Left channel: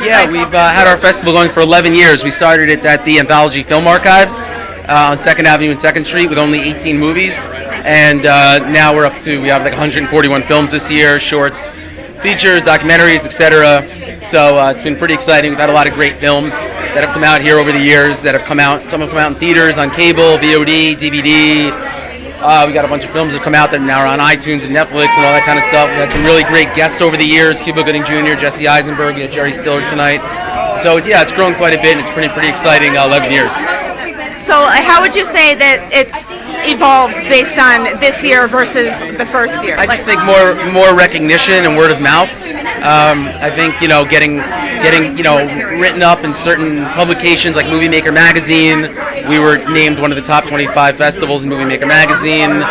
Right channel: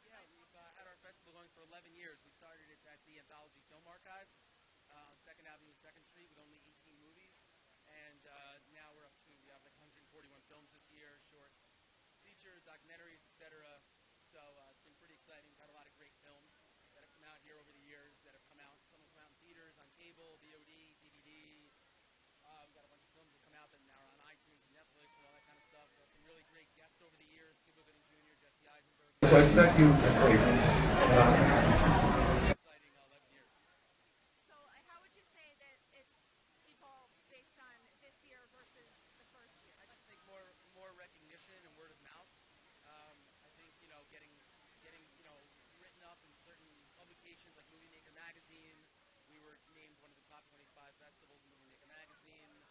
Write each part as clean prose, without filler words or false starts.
Yeah, we've had our festival going for 11 years. We started it at the Anthology Film Archives on 2nd Avenue and 2nd Street with only 18 movies. And now we have like 141 films this year, shorts, features, documentaries, etc. So it's been pretty exciting. We've had a lot of great films that have come out here over the years that have come out. Some have come out in theaters, on cable, VOD, DVD. We got a bunch of films that have come out that now are on iTunes and Netflix and all that kind of stuff. We had some really great guests over the years, Cuba Gooding Jr., Jesse Eisenberg, we had Jerry Stiller tonight. So it's grown quite a bit, and it's pretty exciting 11 years. So how would you say that it's evolved based on this year versus the first year? I just think more recognition and word of mouth. I think getting written up in certain publications like Movie Maker magazine. We were named one of the top 25 festivals in Movie Maker magazine.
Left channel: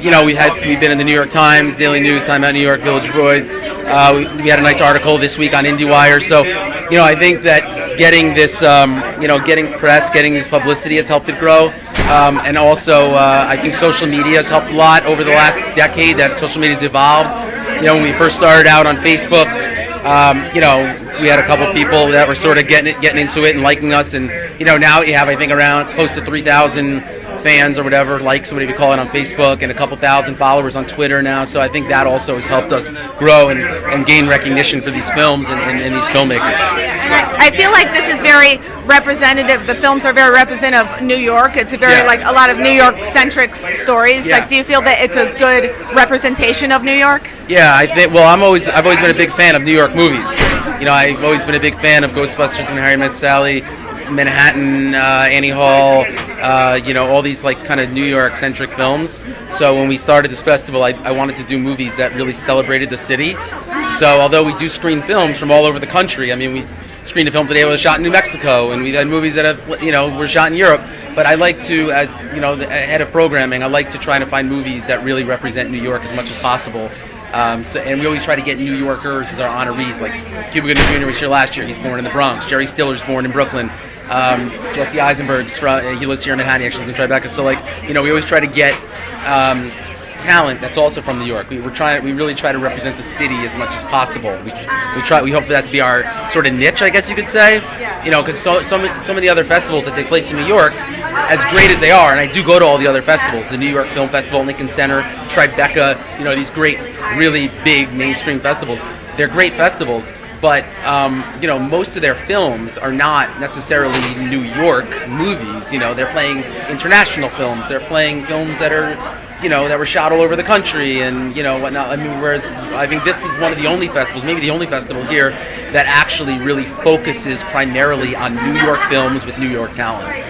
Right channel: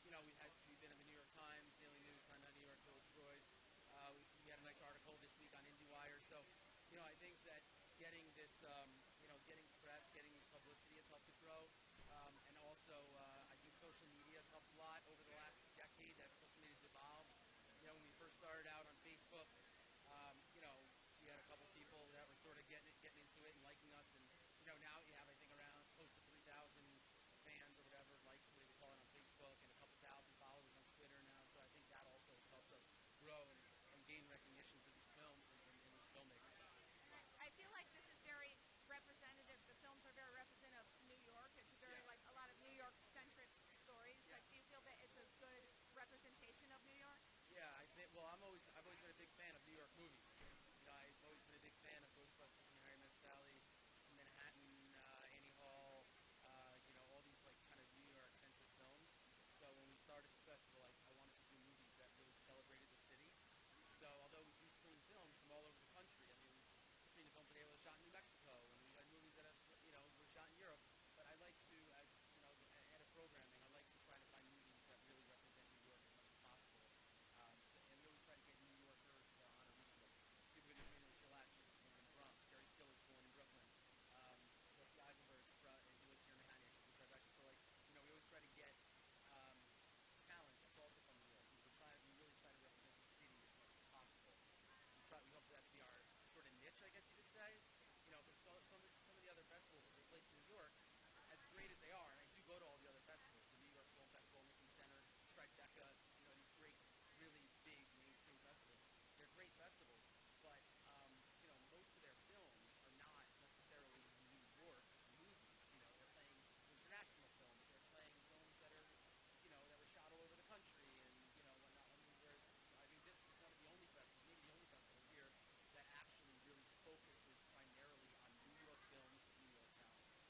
We've been in the New York Times, Daily News, Time Out New York, Village Voice. We had a nice article this week on IndieWire. So, I think that getting this, getting press, getting this publicity has helped it grow. And also, I think social media has helped a lot over the last decade. That social media has evolved. When we first started out on Facebook, we had a couple people that were sort of getting into it and liking us, and now we have, I think, around close to 3,000 fans or whatever, likes, whatever you call it, on Facebook, and a couple thousand followers on Twitter now. So I think that also has helped us grow and gain recognition for these films and these filmmakers. I feel like this is very representative. The films are very representative of New York. It's a lot of New York-centric stories. Yeah. Like, do you feel that it's a good representation of New York? Yeah, I think. Well, I've always been a big fan of New York movies. I've always been a big fan of Ghostbusters, When Harry Met Sally, Manhattan, Annie Hall, all these like kind of New York-centric films. So when we started this festival, I wanted to do movies that really celebrated the city. So although we do screen films from all over the country, I mean, we screened a film today that was shot in New Mexico, and we've had movies that have, were shot in Europe. But I like to, as the head of programming, I like to try to find movies that really represent New York as much as possible. And we always try to get New Yorkers as our honorees. Like Cuba Gooding Jr. was here last year. He's born in the Bronx. Jerry Stiller's born in Brooklyn. Jesse Eisenberg's he lives here in Manhattan. He actually lives in Tribeca. So we always try to get talent that's also from New York. We really try to represent the city as much as possible. We hope for that to be our sort of niche, I guess you could say. Because so many other festivals that take place in New York, as great as they are, and I do go to all the other festivals, the New York Film Festival, Lincoln Center, Tribeca, these great, really big mainstream festivals. They're great festivals, but most of their films are not necessarily New York movies. They're playing international films. They're playing films that are that were shot all over the country and whatnot. I mean, whereas I think this is one of the only festivals, maybe the only festival here, that actually really focuses primarily on New York films with New York talent.